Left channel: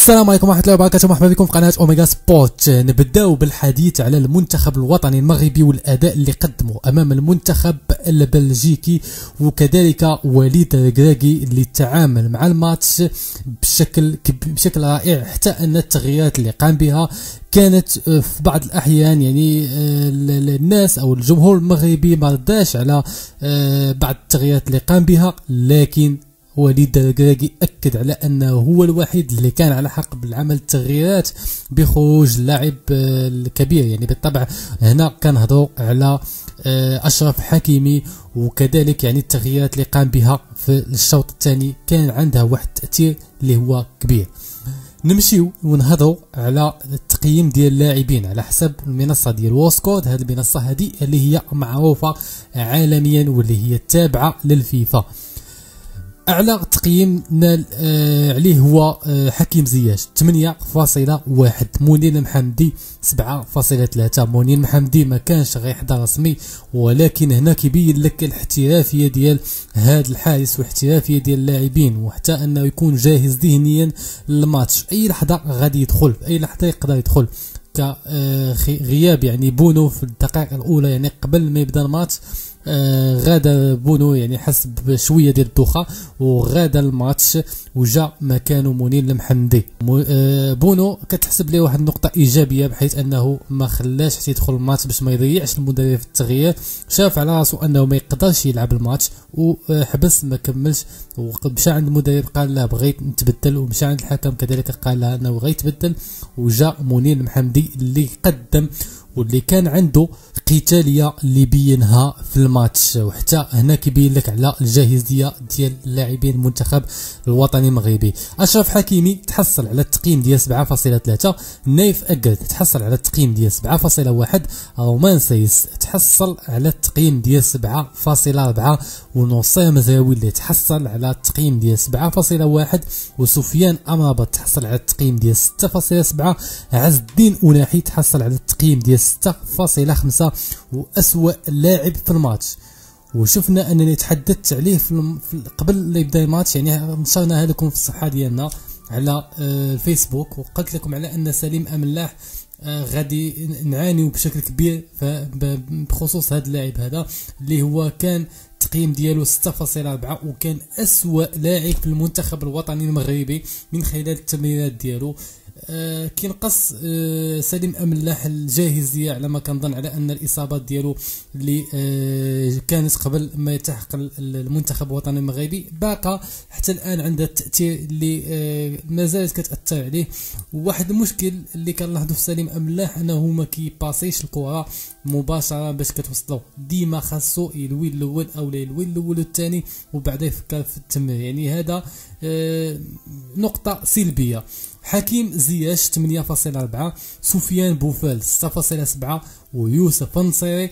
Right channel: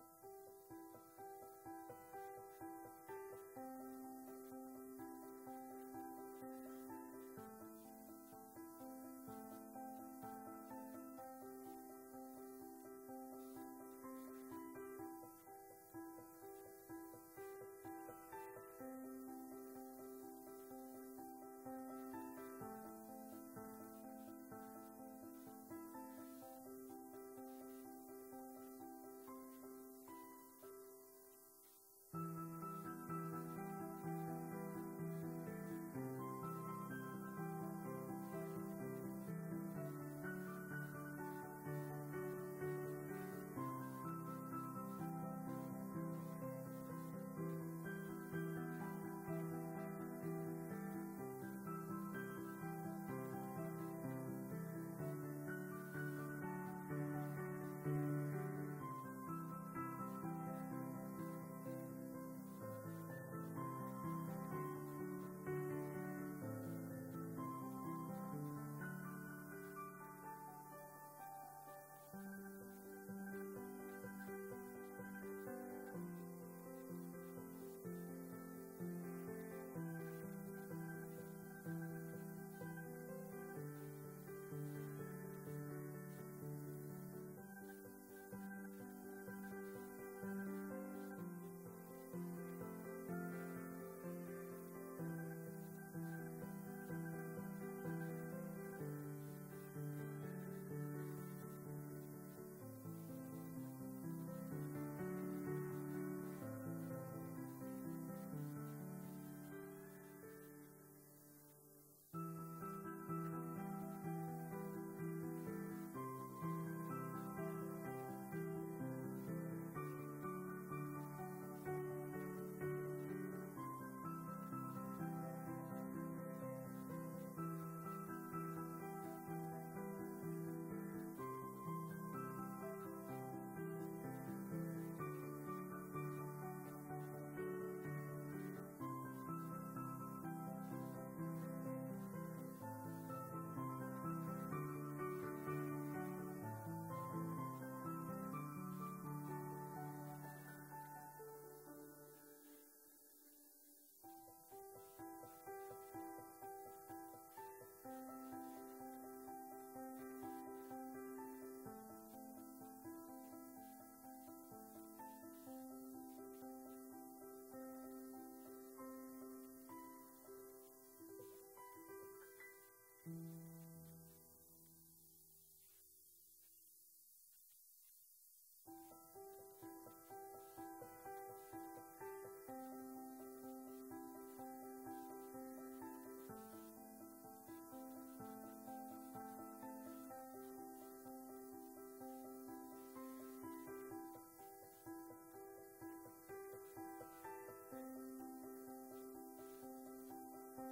السلام عليكم ورحمة الله وبركاته، مرحبا بكم في قناة اوميغا سبورت. نبداو بالحديث على المنتخب الوطني المغربي والاداء اللي قدمه امام المنتخب البلجيكي، وكذلك وليد الركراكي اللي تعامل مع الماتش بشكل رائع، حتى ان التغييرات اللي قام بها كانت في بعض الاحيان يعني الناس او الجمهور المغربي ما رضاش على بعض التغييرات اللي قام بها، لكن وليد الركراكي أكد على أنه هو الوحيد اللي كان على حق بالعمل التغييرات بخروج اللاعب الكبير. يعني بالطبع هنا كنهضروا على أشرف حكيمي، وكذلك يعني التغييرات اللي قام بها في الشوط الثاني كان عندها واحد التأثير اللي هو كبير. نمشيو ونهضروا على التقييم ديال اللاعبين على حسب المنصه ديال ووسكود. هذه المنصه هذه اللي هي معروفه عالميا واللي هي تابعه للفيفا. اعلى تقييم نال عليه هو حكيم زياش 8.1، منير المحمدي 7.3. منير المحمدي ما كانش غيحضر رسمي، ولكن هنا كيبين لك الاحترافيه ديال هذا الحارس والاحترافيه ديال اللاعبين، وحتى انه يكون جاهز ذهنيا للماتش. اي لحظه غادي يدخل، اي لحظه يقدر يدخل. كغياب يعني بونو في الدقائق الاولى، يعني قبل ما يبدا الماتش غادا بونو، يعني حس بشويه ديال الدوخه وغادا الماتش وجا مكانه منير المحمدي. بونو كتحسب ليه واحد النقطه ايجابيه، بحيث انه ما خلاش حتى يدخل الماتش باش ما يضيعش المدرب في التغيير. شاف على راسو انه ما يقدرش يلعب الماتش وحبس ما كملش، ومشى عند المدرب قال له بغيت نتبدل، ومشى عند الحكم كذلك قال له انه بغيت يتبدل، وجا منير المحمدي اللي قدم واللي كان عنده قتاليه اللي بينها في الماتش. وحتى هنا كيبين لك على الجاهزيه ديال اللاعبين المنتخب الوطني المغربي. اشرف حكيمي تحصل على التقييم ديال 7.3، نايف اكد تحصل على التقييم ديال 7.1، رومان سايس تحصل على التقييم ديال 7.4، ونصير مزراوي اللي تحصل على التقييم ديال 7.1، وسفيان امرابط تحصل على التقييم ديال 6.7، عز الدين أناحي تحصل على التقييم ديال 6.5، وأسوأ لاعب في الماتش. وشفنا انني تحدثت عليه قبل لا يبدا الماتش، يعني نشرناها لكم في الصفحه ديالنا على الفيسبوك، وقلت لكم على ان سليم املاح غادي نعانيو بشكل كبير بخصوص هذا اللاعب هذا اللي هو كان التقييم ديالو 6.4، وكان أسوأ لاعب في المنتخب الوطني المغربي من خلال التمريرات ديالو. كينقص سليم املاح الجاهزيه على ما كنظن، على ان الاصابات ديالو اللي كانت قبل ما يلتحق المنتخب الوطني المغربي باقا حتى الان عندها التاثير اللي ما زالت كتاثر عليه. وواحد المشكل اللي كنلاحظوا في سليم املاح انه ما كيباسيش الكره مباشره باش كتوصلو، ديما خاصو يلوي الاول او لا يلوي الاول والثاني وبعدا يفكر في التمرير. يعني هذا نقطه سلبيه. حكيم زياش 8.4، سفيان بوفال 6.7، ويوسف النصيري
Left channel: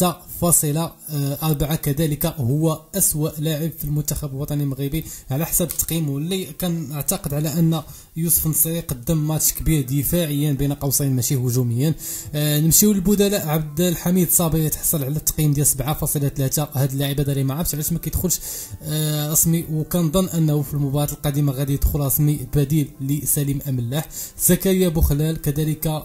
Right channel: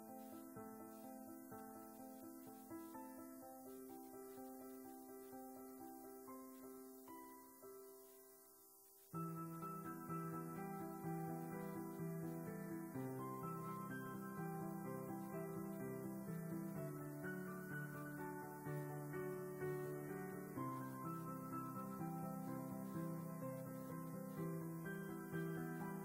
6.4 كذلك هو أسوأ لاعب في المنتخب الوطني المغربي على حسب التقييم. واللي كان اعتقد على ان يوسف النصيري قدم ماتش كبير دفاعيا بين قوسين ماشي هجوميا. نمشيو للبدلاء. عبد الحميد صابر يتحصل على التقييم ديال 7.3. هذا اللاعب هذا اللي ما عرفتش علاش ما كيدخلش رسمي، وكنظن انه في المباراه القادمه غادي يدخل رسمي بديل لسليم املاح. زكريا بوخلال كذلك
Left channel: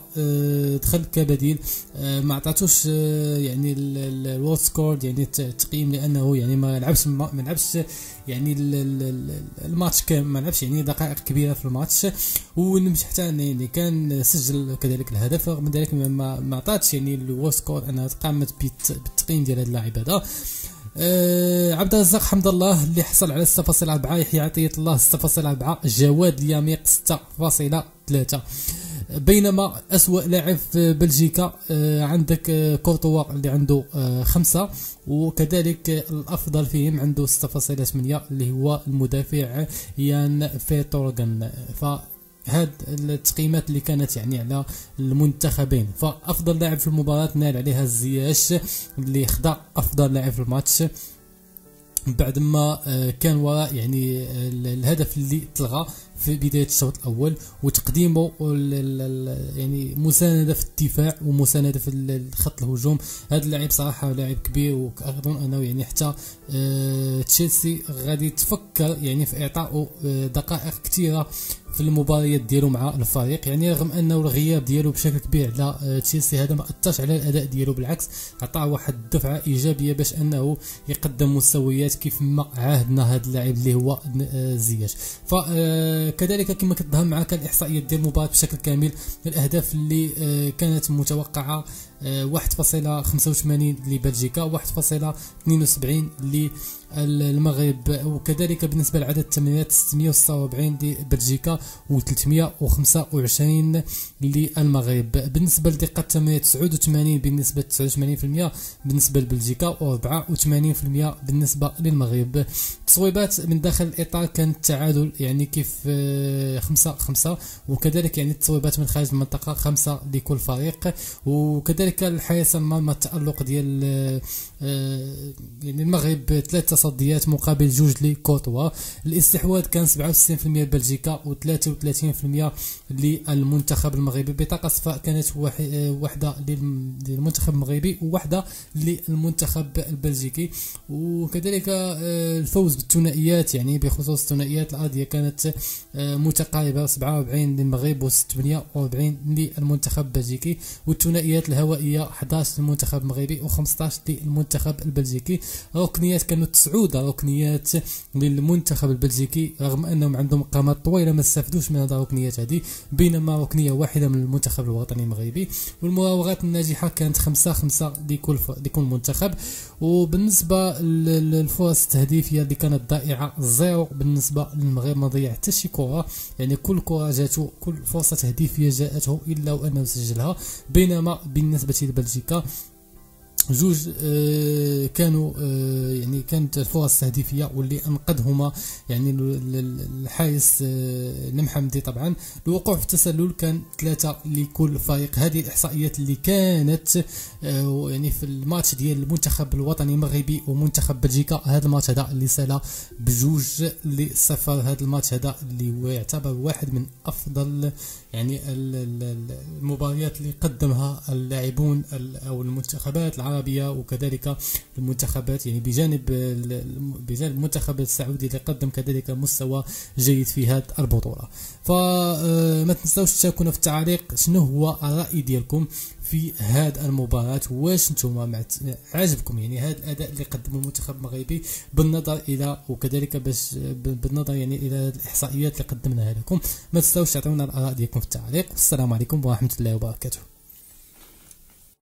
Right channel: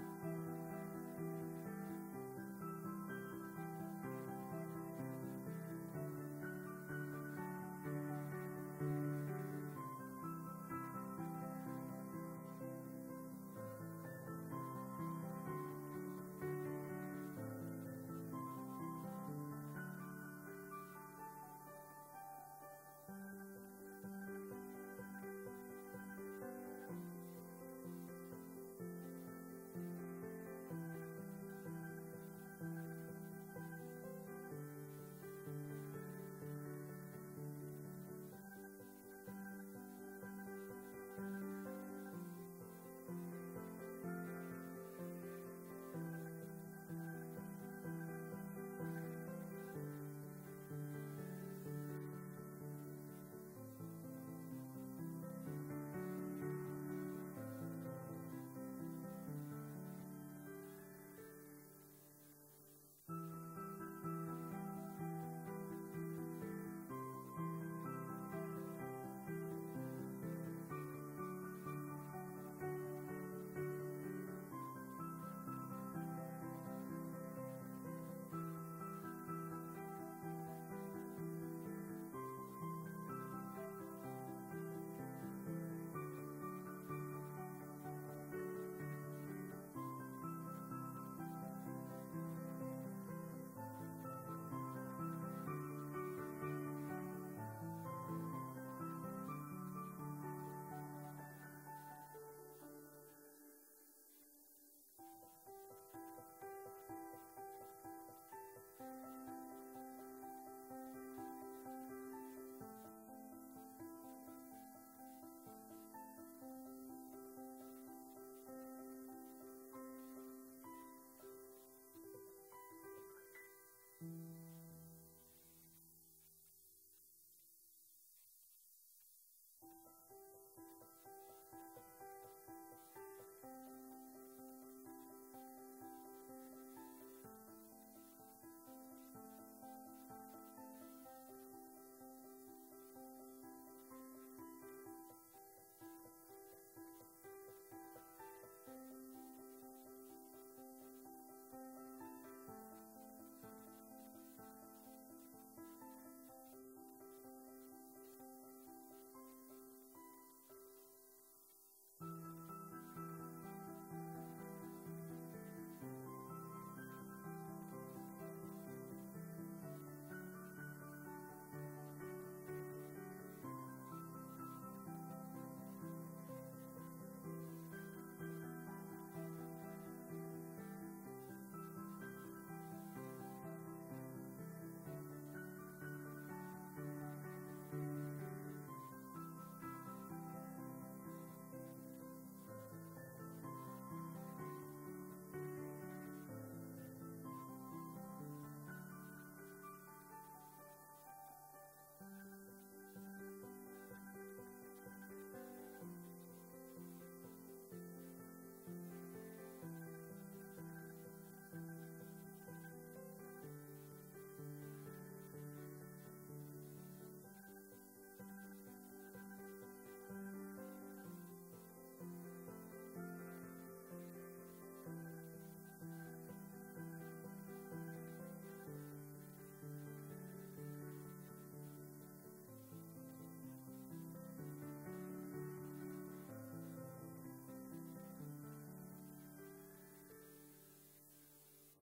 دخل كبديل، ما عطاتوش يعني الوورد سكور يعني التقييم، لانه يعني ما لعبش يعني الماتش كامل، ما لعبش يعني دقائق كبيره في الماتش. ونمشي حتى يعني كان سجل كذلك الهدف، رغم ذلك ما عطاتش يعني الوورد سكور انها قامت بالتقييم ديال هذا اللاعب هذا. عبد الرزاق حمد الله اللي حصل على 6.4، يحيى عطية الله 6.4، جواد اليميق 6.3. بينما أسوأ لاعب في بلجيكا عندك كورتوا اللي عنده 5، وكذلك الأفضل فيهم عنده 6.8 اللي هو المدافع يان فيتورغن. فهاد التقييمات اللي كانت يعني على المنتخبين. فأفضل لاعب في المباراة نال عليها الزياش اللي خدا أفضل لاعب في الماتش بعد ما كان وراء يعني الهدف اللي تلغى في بداية الشوط الأول، وتقديمه يعني مساندة في الدفاع ومساندة في خط الهجوم. هذا اللاعب صراحة لاعب كبير، وأظن أنه يعني حتى تشيلسي غادي تفكر يعني في إعطائه دقائق كثيرة في المباريات ديالو مع الفريق. يعني رغم انه الغياب ديالو بشكل كبير على تشيلسي هذا ما اثرش على الاداء ديالو، بالعكس عطاه واحد الدفعه ايجابيه باش انه يقدم مستويات كيف ما عاهدنا هذا اللاعب اللي هو زياش. فكذلك كما كتظهر معك الاحصائيات ديال المباراه بشكل كامل، الاهداف اللي كانت متوقعه 1.85 لبلجيكا، 1.72 للمغرب، وكذلك بالنسبه لعدد التمريرات 646 لبلجيكا و325 للمغرب. بالنسبه لدقه التمريرات 89 بنسبه 89% بالنسبه لبلجيكا، و84% بالنسبه للمغرب. التصويبات من داخل الاطار كانت تعادل، يعني كيف 5-5، وكذلك يعني التصويبات من خارج المنطقه 5 لكل فريق. وكذلك الحارس المرمى التألق ديال يعني المغرب 3 تصديات مقابل 2 لكورتوا. الاستحواذ كان 67% لبلجيكا و33% للمنتخب المغربي. بطاقة صفراء كانت واحدة للمنتخب المغربي وواحدة للمنتخب البلجيكي. وكذلك الفوز بالثنائيات، يعني بخصوص الثنائيات الأرضية كانت متقاربة، 47 للمغرب و48 للمنتخب البلجيكي، والثنائيات الهوائية 11 للمنتخب المغربي و15 للمنتخب البلجيكي. ركنيات كانوا 9 ركنيات للمنتخب البلجيكي، رغم انهم عندهم قامات طويله ما استفدوش من هذه الركنيات هذه، بينما ركنيه واحده من المنتخب الوطني المغربي. والمراوغات الناجحه كانت 5-5 لكل منتخب. وبالنسبه للفرص التهديفيه اللي كانت ضائعه 0 بالنسبه للمغرب، ما ضيع حتى شي كره، يعني كل كره جاته، كل فرصه تهديفيه جاءته الا وانه سجلها. بينما بالنسبه لبلجيكا 2 كانوا يعني كانت الفرص التهديفيه واللي انقذهما يعني الحارس المحمدي طبعا. الوقوع في التسلل كان 3 لكل فريق. هذه الاحصائيات اللي كانت يعني في الماتش ديال المنتخب الوطني المغربي ومنتخب بلجيكا. هذا الماتش هذا اللي سال ب2-0. هذا الماتش هذا اللي هو يعتبر واحد من افضل يعني المباريات اللي قدمها اللاعبون او المنتخبات العربيه، وكذلك المنتخبات يعني بجانب المنتخب السعودي اللي قدم كذلك مستوى جيد في هذه البطوله. فما تنساوش تشاركونا في التعليق شنو هو الراي ديالكم في هذه المباراه، واش نتوما عجبكم يعني هذا الاداء اللي قدمه المنتخب المغربي بالنظر الى وكذلك باش بالنظر يعني الى الاحصائيات اللي قدمناها لكم. ما تنساوش تعطيونا الاراء ديالكم في التعليق. والسلام عليكم ورحمه الله وبركاته.